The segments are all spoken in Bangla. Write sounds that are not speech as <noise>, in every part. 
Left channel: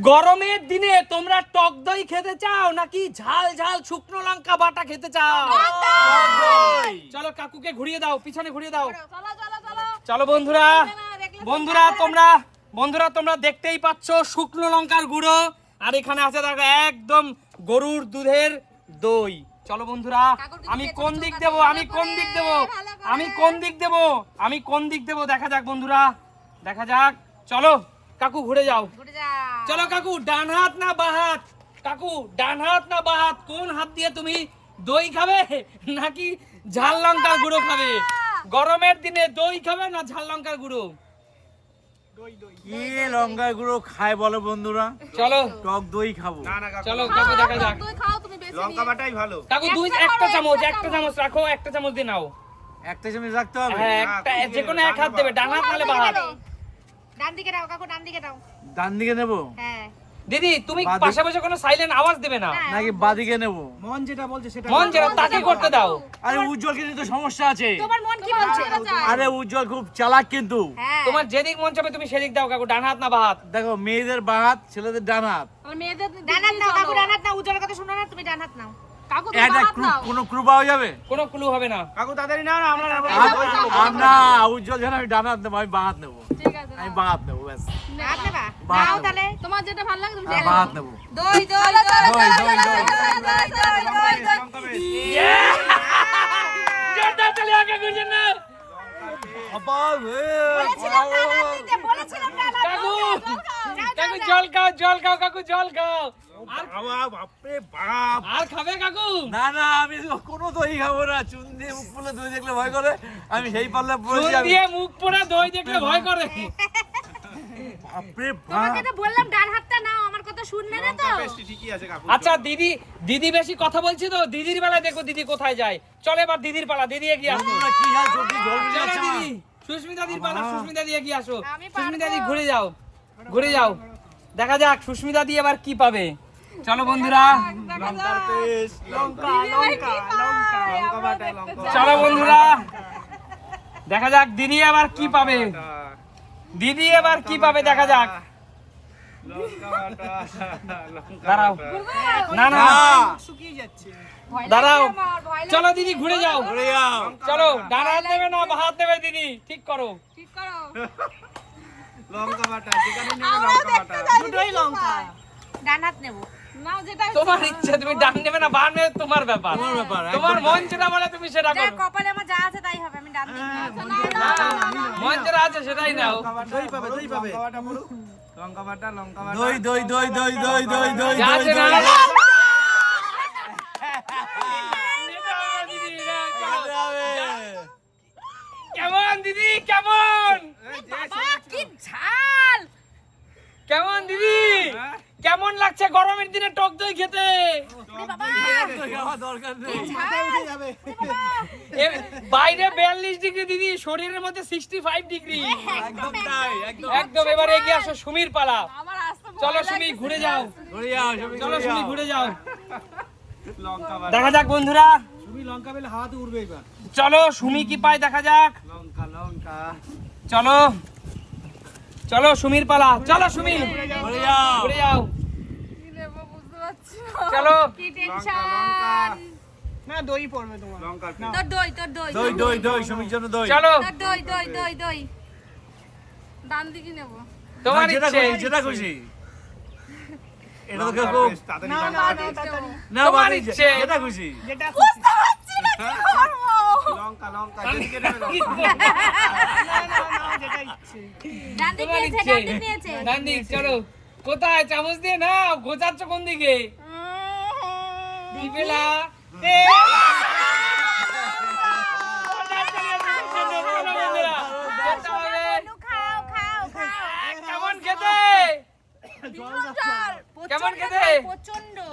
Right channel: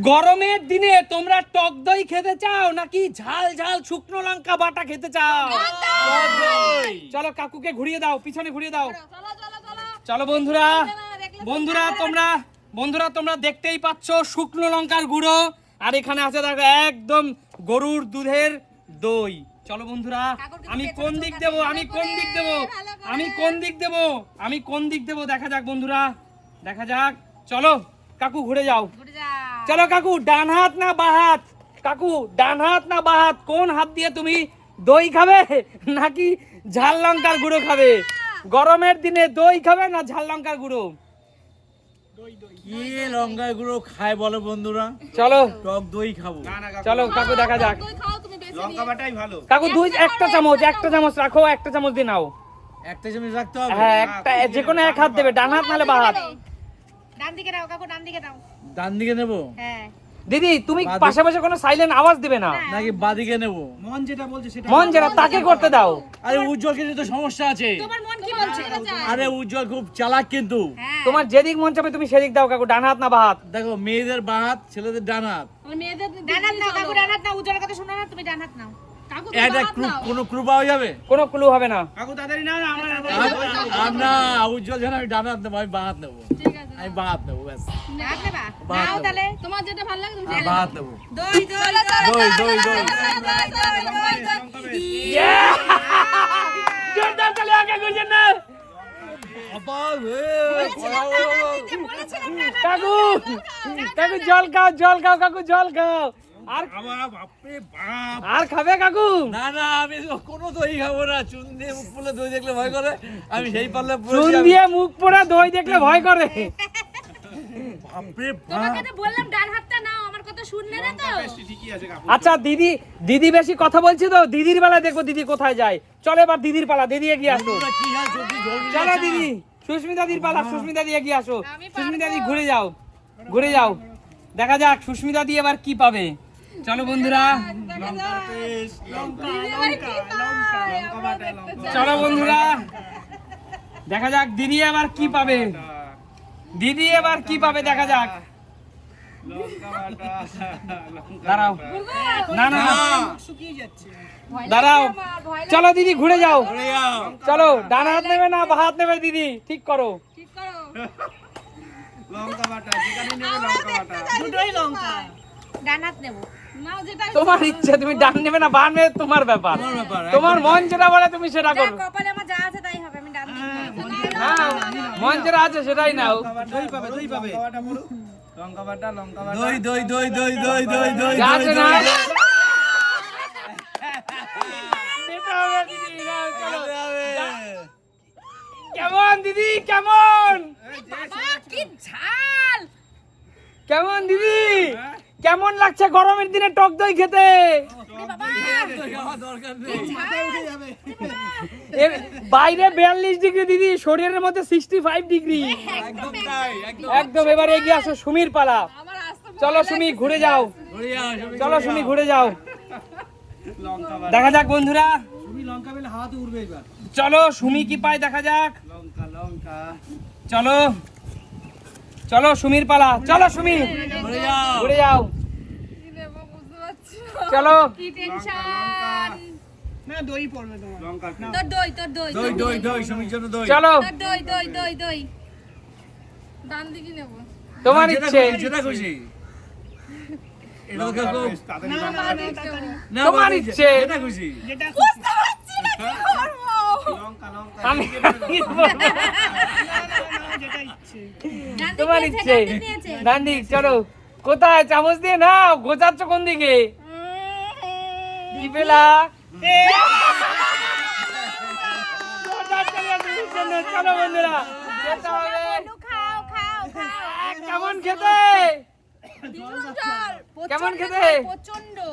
গরমের দিনে তোমরা টক দই খেতে চাও নাকি ঝাল ঝাল শুকনো লঙ্কা বাটা খেতে চাও? চলো কাকুকে ঘুরিয়ে দাও পিছনে ঘুরিয়ে দাও। চলো বন্ধুরা বন্ধুরা তোমরা বন্ধুরা তোমরা দেখতেই পাচ্ছ শুকনো লঙ্কার গুঁড়ো। আর এখানে আছে দেখো একদম গরুর দুধের দই। চলো বন্ধুরা আমি কোন দিক দেব? আমি কোন দিক দেব? আমি কোন দিক দেব? আমি কোন দিক দেব? দেখা যাক বন্ধুরা। দেখা যাক। চলো কাকু ঘুরে যাও। ঘুরে যা চলো কাকু ডান হাত না বা হাত? কাকু ডান হাত না বা হাত? কোন হাত দিয়ে তুমি দই খাবে নাকি ঝাল লঙ্কার গুঁড়ো খাবে? গরমের দিনে দই খাবে না ঝাল লঙ্কার গুঁড়ো? কি লঙ্কা গুঁড়ো খায় বলো বন্ধুরা? চলো। টক দই খাব। চলো কাকু দেখা যাক। তুই খাও তুমি বেশি লঙ্কা বাটাই ভালো। কাকু দুই একটা চামচ একটা চামচ রাখো একটা চামচ দিয়ে নাও। একটা চামচ রাখতে হবে? হ্যাঁ না, একটা যে কোনো এক হাত দেবে ডান হাত নাহলে বা হাত। ডান দিকে দাও কাকু ডান দিকে দাও। ডান দিকে নেব? হ্যাঁ। দিদি তুমি বাঁ পাশে পাশে কোনো সাইলেন্ট আওয়াজ দেবে না। নাকি বাদিকে নেব? মন যেটা বলছে সেটা মন যেটা তাকে করতে দাও। আরে উজ্জ্বল কিন্তু তো সমস্যা আছে। তোমার মন কি বলছে? আরে উজ্জ্বল খুব চালাক কিন্তু। হ্যাঁ। তোমার যেদিক মন চাবে তুমি সেদিক দাও কাকু ডান হাত না বা হাত। দেখো মেয়েদের বাঁ হাত ছেলেদের ডান হাত। মেয়েদের ডান হাত নাও কাকু ডান হাত নাও উজ্জ্বলের কথা শুনো না তুমি ডান হাত নাও। কাকু একটা কোনো ক্রু পাওয়া যাবে? কোনো ক্লু হবে না। কাকু তাড়াতাড়ি নাও না আমরা নেব। উজ্জ্বল জানা আমি ডান হাত নেব আমি বাঁ হাত নেব। আমি বাঁ নেব নেব ব্যাস হাত নেবা নাও নেব। তাহলে তোমার যেটা ভালো লাগে তুমি হ্যাঁ, বাঁ দই দই দই দই দই দই দই দই দই তালি আগে গুঁজে না আবার বলেছিলাম না কাকু কাকু জল খাও জল খাও কাকু জল খাও। আর বাবা, বাপরে বাপ। আর খাবে কাকু? না না আমি কোনো দই খাব না। চুন দিয়ে মুখ ফুলে দই দেখলে ভয় করে। আমি সেই পারলে চুন পড়েছি আমি দিয়ে মুখ পোড়া দই দেখলে ভয় করে। বাপরে তোমাকে তো বললাম ডান হাতটা নাও আমার কথা শুনলে না তো? ঠিকই আছে কাকু। আচ্ছা দিদি দিদি বেশি কথা বলছি তো দিদির বেলায় দেখো দিদি কোথায় যায়। চলে এবার দিদির পালা দিদি এগিয়ে আসো। কি হাল চলো দিদি সুস্মিতা দিদির পালা সুস্মিতা দিয়ে এগিয়ে আসো। সুস্মিতা দি ঘুরে যাও ঘুরে যাও। দেখা যাক সুস্মিতা দিয়ে এবার কি পাবে। চলো বন্ধুরা। চলো বন্ধুরা। দেখা যাক দিদি আবার কি পাবে। দিদি এবার কি পাবে দেখা যাক। দাঁড়াও। না না দাঁড়াও। চলো দিদি ঘুরে যাও। ঘুরে যাও। চলো ডান হাত নেবে না বা হাত নেবে দিদি। ঠিক করো ঠিক করো। লঙ্কা বাটা যেখানে নেবে লঙ্কা বাটা। দুটোই লঙ্কা। ডান হাত নেব। নাও যেটা তোমার ইচ্ছে তুমি ডান নেবে না বা নেবে তোমার ব্যাপার। তোমার ব্যাপার তোমার মন যেটা বলে তুমি সেটা করো। কপালে আমার যা আছে তাই হবে আমি ডান মন যেটা আছে সেটাই নাও। দই পাবে দই পাবে। লঙ্কা বাটা লঙ্কা বাটা দই দই দই দই দই দই দই দই দই না- চলে যাবে কেমন দিদি কেমন? কি ঝাল কেমন দিদি? কেমন লাগছে গরমের দিনে টক দই খেতে? বাইরে বিয়াল্লিশ ডিগ্রি দিদি শরীরের মধ্যে সিক্সটি ফাইভ ডিগ্রি একদম একদম একদম। এবার এগিয়ে আসো সুমির পালা। চলো সুমি ঘুরে যাও। চলো সুমি ঘুরে যাও। দেখা যাক বন্ধুরা। লঙ্কা পেলে হাওয়াতে উড়বে এবার। চলো সুমি কি পায় দেখা যাক। লঙ্কা লঙ্কা। চলো। চলো সুমির পালা চলো সুমি ঘুরে যাও। ঘুরে যাও। কি নেব বুঝতে পারছি চলো। কি টেনশন না দই পড়বে তোমার। তোর দই তোর দই। দই দই দই। সুমির জন্য দই। চলো। তোর দই দই দই দই। ডান দিকে নেব। তোমার যেটা খুশি যেটা খুশি। এটা তো কেউ তাড়াতাড়ি লঙ্কা না তোমার বাবা। যেটা খুশি। বুঝতে পারছি না কি করব। লঙ্কা লঙ্কা। <laughs> ডান তোমার ইচ্ছে। ডান দিকে চলো। কোথায়? চামচ দিয়ে নাও। গোছাচ্ছ কোন দিকে?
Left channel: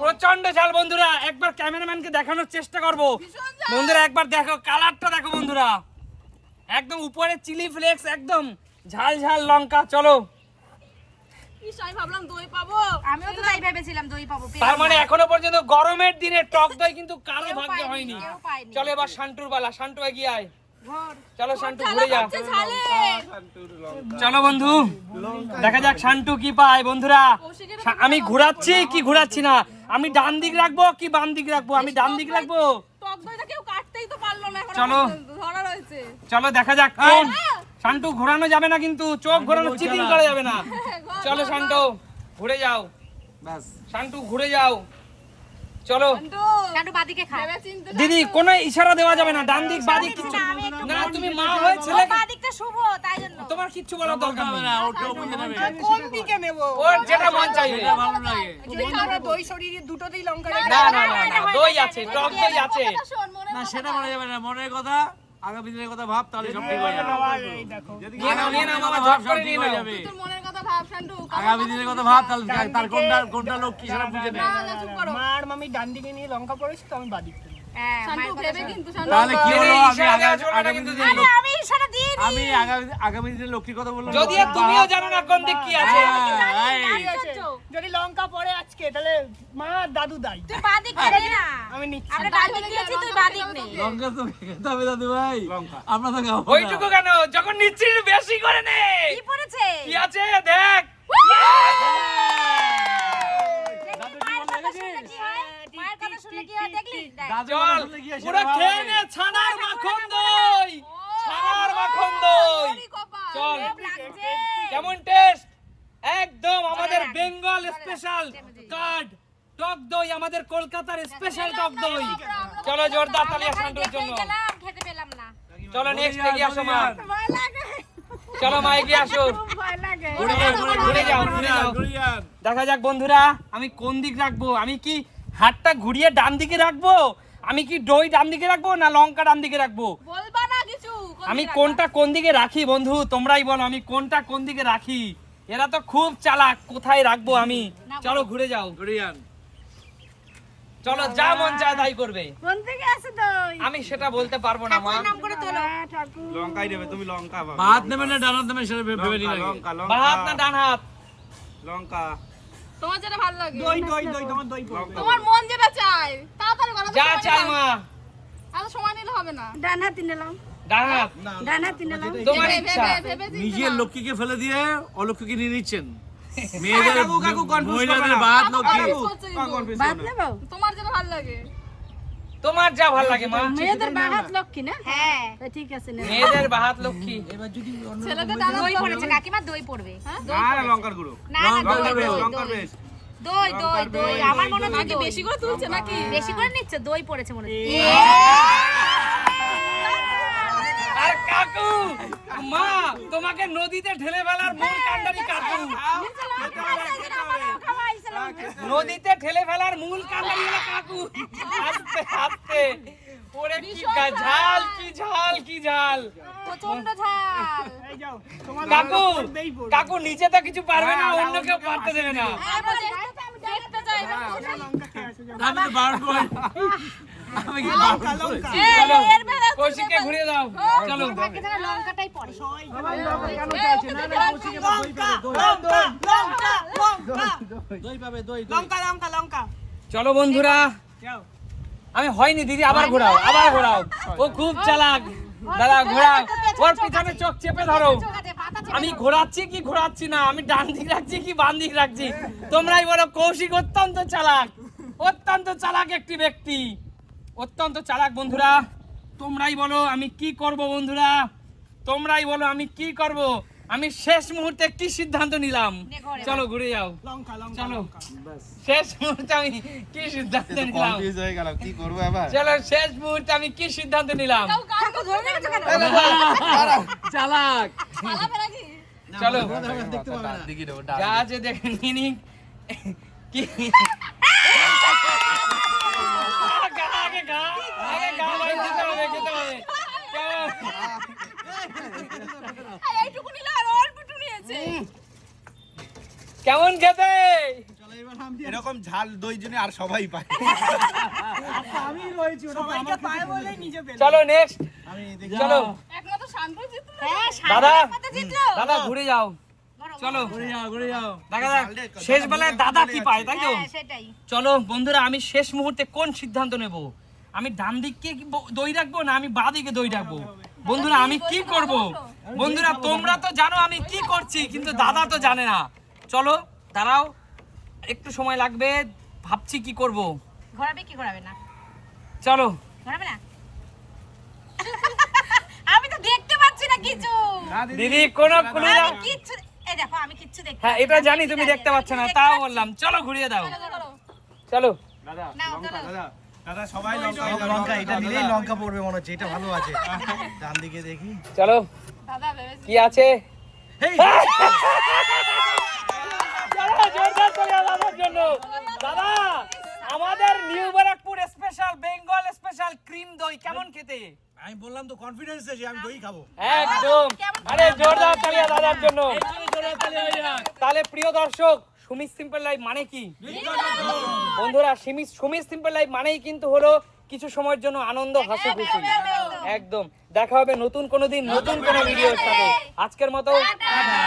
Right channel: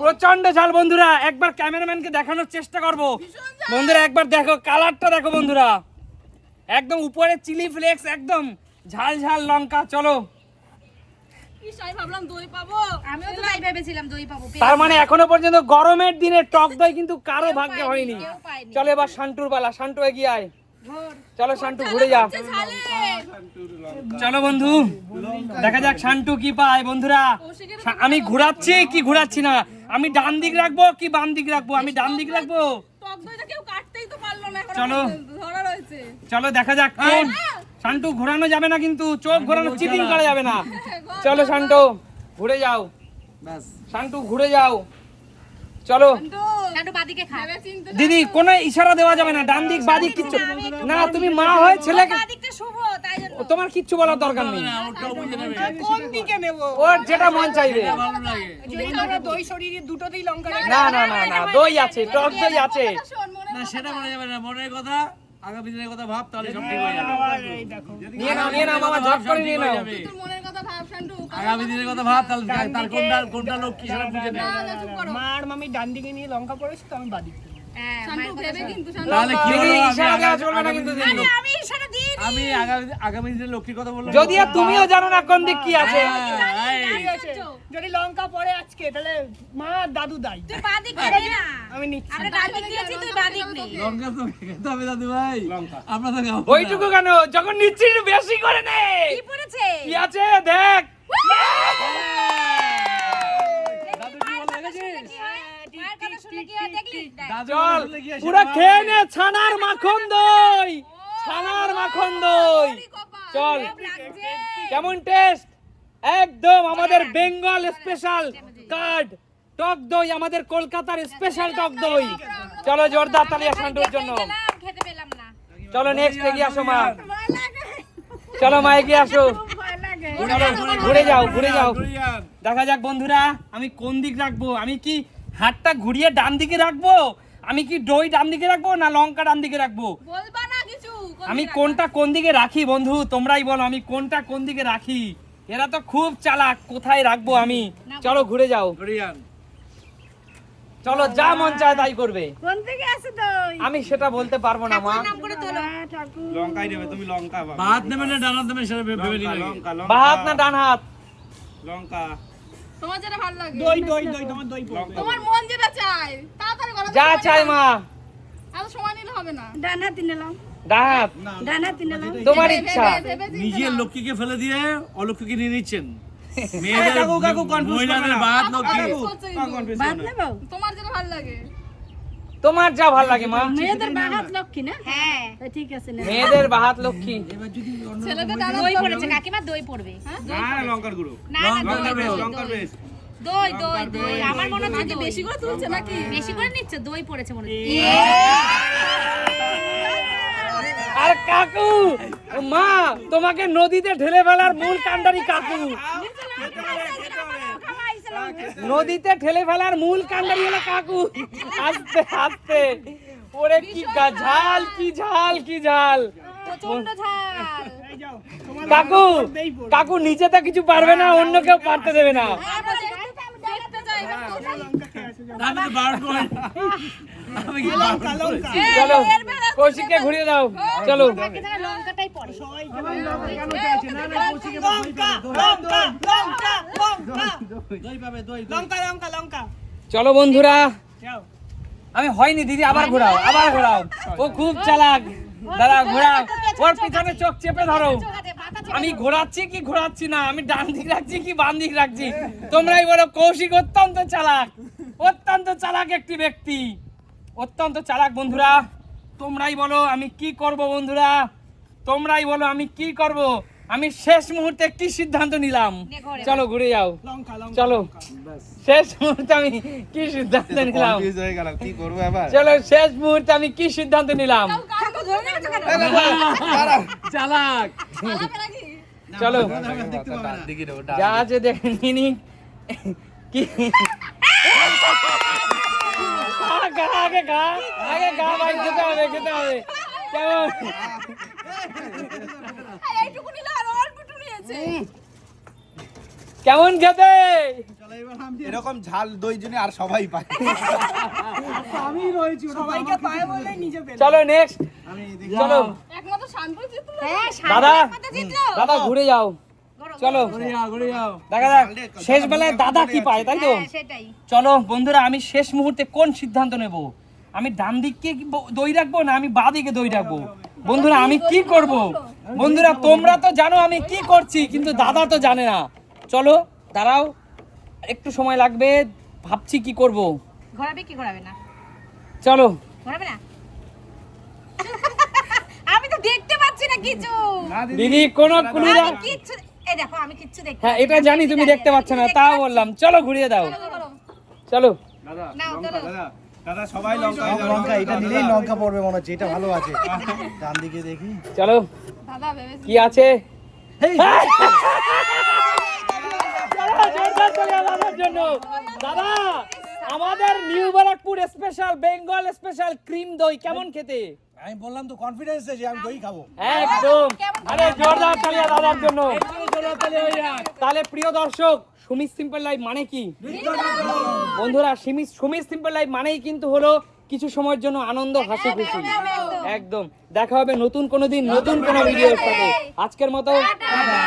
প্রচণ্ড ঝাল বন্ধুরা। একবার ক্যামেরাম্যানকে দেখানোর চেষ্টা করব। বন্ধুরা একবার দেখো কালারটা দেখো বন্ধুরা। একদম উপরে চিলি ফ্লেক্স একদম ঝাল ঝাল লঙ্কা চলো। আমিও তো তাই ভেবেছিলাম দই পাবো তার মানে এখনও পর্যন্ত গরমের দিনে টক দই কিন্তু কারও কেউ হয়নি। চলো এবার শান্টুর বেলা শান্টু এগিয়ে আয়। চলো শান্টু ঘুরে যাও চলো বন্ধু দেখা যাক শান্টু কি পায় বন্ধুরা। আমি ঘোরাচ্ছি কি ঘোরাচ্ছি না? আমি ডান দিক রাখব কি বাম দিক রাখব? আমি ডান দিক রাখব? টক দইটা কেউ কাটতেই তো পারল না এখনও চলো। পর্যন্ত। ধরা রয়েছে। চলো দেখা যাক। শান্তু শান্টু ঘোরানো যাবে না কিন্তু চোখ ঘোরানো চিটিং করা যাবে না। চলো শান্টু ঘুরে যাও। ব্যাস। শান্টু ঘুরে যাও। চলো। দিদি কোনো ইশারা দেওয়া যাবে না ডান দিক বাদিক কিচ্ছু না তুমি মা হয়ে জন্য। তোমার কিচ্ছু বলার দরকার নেই। না ওটাও বুঝে নেবে। কোন দিকে নেব? ওর যেটা মন চাইবে। ভালো লাগে। আমরা দই শরীরে দুটোতেই লঙ্কা রেখে না না না না। দই আছে টক দই আছে। না সেটা বলা যাবে না মনের কথা আগামী দিনের কথা ভাব তাহলে সব ঠিক হয়ে যাবে। আগামী দিনের কথা ভাব সব ঠিক হয়ে যাবে। তোর মনের কথা ভাব শান্টু আগামী দিনের কথা ভাব তাহলে তার কোনটা কোনটা লোক কি সেটা বুঝে নেবে না না চুপ করো। মার মামি ডান দিকে নিয়ে লঙ্কা পড়েছে তো আমি বাদিক হ্যাঁ শান্টু ভেবে কিন্তু শান্টু তাহলে কি হলো? আমি আগামী আগামী দিনের আরে লোক আমি ইশারা দিয়ে আমি আগামী আগামী দিনের লক্ষ্মীর কথা বললাম? যদি তুমিও জানো না কোন দিক কি আছে। হ্যাঁ, যদি লঙ্কা পড়ে আজকে তাহলে মা দাদু দাই। তুই না আমি নিচ্ছি। আমরা ডান দিক দিয়েছি তুই বাদিক নে। লঙ্কা তো খেতে হবে দাদু ভাই আমরা তো খাব ওইটুকু কেন? যখন নিচ্ছিস বেশি করে দে। কি আছে? দেখ! মায়ের কথা শুনে কি দেখলি? দেখ। দাদু কথা শুনলে কি পুরো খেয়ে নে ছানার মাখন দই! ছানার মাখন দই! চল। কেমন টেস্ট একদম আমাদের বেঙ্গল স্পেশাল কার্ড টক দই আমাদের কলকাতার স্পেশাল টক দই। চলো জোরদার তালি খালি জন্য। গেলাম খেতে পেলাম না। চলো নেক্সট এগিয়ে আসো চলো মা এগিয়ে আসো ঘুরে যাও, ঘুরে যাও। দেখা যাক বন্ধুরা আমি কোন দিক রাখব? আমি কি হাতটা ঘুরিয়ে ডান দিকে রাখব? আমি কি দই ডান দিকে রাখব না লঙ্কা ডান দিকে রাখব? বলবা না কিছু আমি কোনটা কোন দিকে রাখি বন্ধু? তোমরাই বলো আমি কোনটা কোন দিকে রাখি? এরা তো খুব চালাক কোথায় রাখব আমি? চলো ঘুরে যাও। ঘুরে যান। চলো যা মন চায় তাই করবে। কোন থেকে আসে দই আমি সেটা বলতে পারব না মা। নাম করে তোলো। লঙ্কাই দেবে তুমি লঙ্কা পাবে ভাত নেবে না ডানাত নেবে সেটা ভেবে নিয়ে লঙ্কা লঙ্কা। হাত না ডান হাত? লঙ্কা। তোমার যেটা ভালো লাগে। দই দই দই তোমার দই পড়বে। তোমার মন যেটা চায় তাড়াতাড়ি করো যা চাই মা। এত সময় নিলে হবে না। ডান হাতে নিলাম। ডান হাত? ডান হাতে নিলাম। তোমার ভেবে ইচ্ছা। নিজের লক্ষ্মীকে ফেলে দিয়ে অলক্ষ্মীকে নিয়ে নিচ্ছেন। মেয়েদের কাকু, কাকু, confuse মহিলাদের বাদ লক্ষ্মী কাকু, বলছে কিন্তু। confuse বাদ করো তোমার যেটা ভালো লাগে। তোমার যা ভালো লাগে মেয়েদের বাহাত লক্ষ্মী না? হ্যাঁ। ঠিক আছে মেয়েদের বাহাত লক্ষ্মী। ছেলেদের দই পড়েছে কাকিমা দই পড়বে। না লঙ্কার গুঁড়ো। না না দই লঙ্কার বেশ। দই দই দই। আমার মনে হচ্ছে বেশি করে তুলছে নাকি? বেশি করে নিচ্ছে দই পড়েছে মনে হচ্ছে। কাকু মা তোমাকে নদীতে ঢেলে ফেলার মূল কাণ্ডারি কাকু। নদীতে ঠেলে ফেলার মূল কাণ্ডারি হলো কাকু। আস্তে আস্তে। ওরে কি ঝাল। কি ঝাল কি ঝাল। প্রচণ্ড ঝাল। এই যাও তোমার কাকু দেই কাকু নিচে তো কিছু পারবে না অন্য কেউ পারতে দেবে না। আমি তো আমি কি চলো চলো বন্ধুরা। আমি হয়নি দিদি, আবার ঘোরাও আবার ঘোরাও। ও খুব চালাক। দাদা, ঘোরাও। ওর পিছনে চোখ চেপে ধরো। আমি ঘোরাচ্ছি কি ঘোরাচ্ছি না? আমি ডান দিক রাখছি কি বাম দিক রাখছি? তোমরাই বলো কৌশিক অত্যন্ত চালাক। অত্যন্ত চালাক একটি ব্যক্তি। অত্যন্ত চালাক বন্ধুরা। তোমরাই বলো আমি কি করব বন্ধুরা? তোমরাই বলো আমি কি করব? আমি শেষ মুহূর্তে কি সিদ্ধান্ত নিলাম। চলো ঘুরে। যাও। চলো। শেষ মুহূর্তে আমি কি সিদ্ধান্ত নিলাম? হয়ে গেল কি করব এবার? চলো শেষ মুহূর্তে আমি কি সিদ্ধান্ত নিলাম? চালাক। চলো। দেখতে পাবে না। দিকে দেবো যা আছে দেখে নিনি কি? গা, গা, গা, কেমন? এইটুকু নিলে আর অল্প নিয়েছে কেমন খেতে এরকম ঝাল দই জন্য আর সবাই পায়। আমি রয়েছি সবাইকে পায় বলে নিজে পেলাম চলো নেক্সট আমি চলো। একমাত্র শান্ত জিতলো। হ্যাঁ একমাত্র জিতলো। দাদা ঘুরে যাও। চলো। ঘুরে। যাও ঘুরে যাও। দেখা যাক শেষ বেলায় দাদা কি পায় তাই তো? হ্যাঁ সেটাই। চলো বন্ধুরা আমি শেষ মুহূর্তে কোন সিদ্ধান্ত নেব? আমি ডান দিককে দই রাখব না আমি বাঁ দিকে দই রাখব? বন্ধুরা আমি কি করব? বন্ধুরা তোমরা তো জানো আমি কি করছি কিন্তু দাদা তো জানে না। চলো দাঁড়াও একটু সময় লাগবে ভাবছি কি করব। ঘোরাবে কি ঘোরাবে না? চলো। ঘোরাবে না? <laughs> আমি তো দেখতে পাচ্ছি না কিছু। দিদি কোন আমি এই দেখো আমি কিচ্ছু দেখতে হ্যাঁ এটা জানি তুমি দেখতে পাচ্ছ না তাও বললাম। চলো ঘুরিয়ে দাও। চলো দাদা নাও, চলো। দাদা সবাই লঙ্কা লঙ্কা এটা নিলেই লঙ্কা পড়বে মনে হচ্ছে এটা ভালো আছে। ডান দিকে দেখি। চলো। দাদা ভেবেছি কি আছে? এই দাদা, new Barrackpore special Bengal special cream দই কেমন খেতে? আমি বললাম তো কনফিডেন্স আছে আমি দই খাব। একদম। কেমন মানে। তাহলে প্রিয় দর্শক সুমিত সিম্পল লাইফ মানে কি? বন্ধুরা সুমিত সুমিত সিম্পল লাইফ মানেই কিন্তু হলো কিছু সময়ের জন্য আনন্দ হাসি খুশি। একদম। দেখা হবে নতুন কোনো দিন নতুন কোনো ভিডিও আজকের মতো টাটা।